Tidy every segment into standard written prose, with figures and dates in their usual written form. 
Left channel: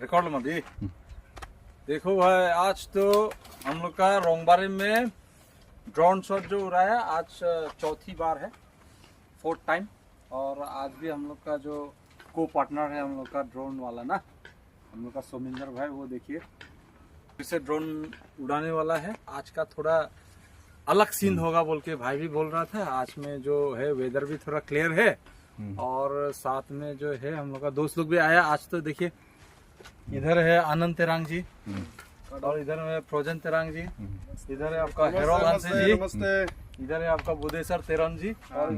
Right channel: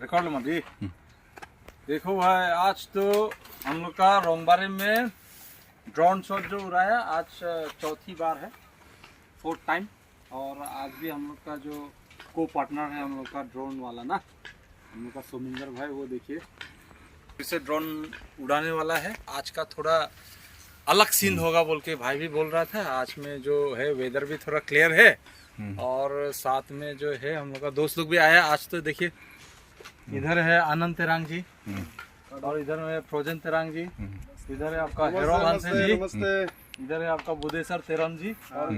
Record में दी। देखो भाई आज तो हम लोग का रोंगबारी में ड्रोन शॉट जो उड़ा है आज चौथी बार है, 4th टाइम। और आज भी हम लोग का जो को पार्टनर है हम लोग का ड्रोन वाला ना, हम लोग का सोमिंदर भाई, वो देखिए फिर से ड्रोन उड़ाने वाला है। आज का थोड़ा अलग सीन होगा बोल के भाई भी बोल रहा था। आज में जो है वेदर भी थोड़ा क्लियर है और साथ में जो है हम लोग का दोस्त लोग भी आया आज। तो देखिए इधर है आनंद तेरांग जी और इधर में फ्रोजन तेरांग जी, इधर है आपका हेरोन जी, इधर है आपका बुदेसर तेरन जी और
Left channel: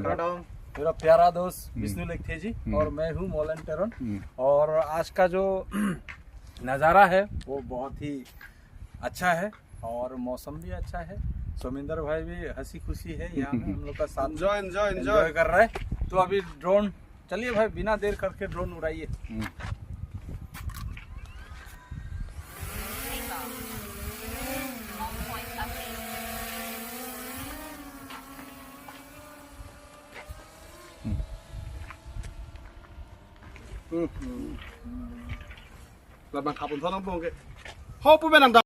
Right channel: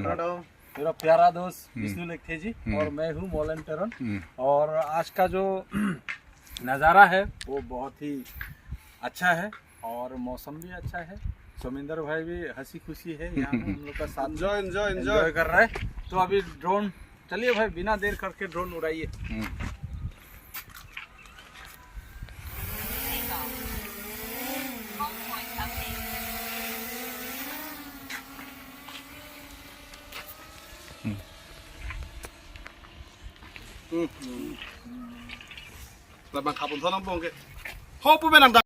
मेरा प्यारा दोस्त विष्णु लेखे जी और मैं हूँ मोलन तेरन। और आज का जो नज़ारा है वो बहुत ही अच्छा है और मौसम भी अच्छा है। सोमिंदर भाई भी हंसी खुशी है यहाँ हम लोग का साथ एंजॉय कर रहा है। तो अभी ड्रोन, चलिए भाई बिना देर करके drone उड़ाइए। là bằng khắp một thôn ông buông kì hô bố bên làm đà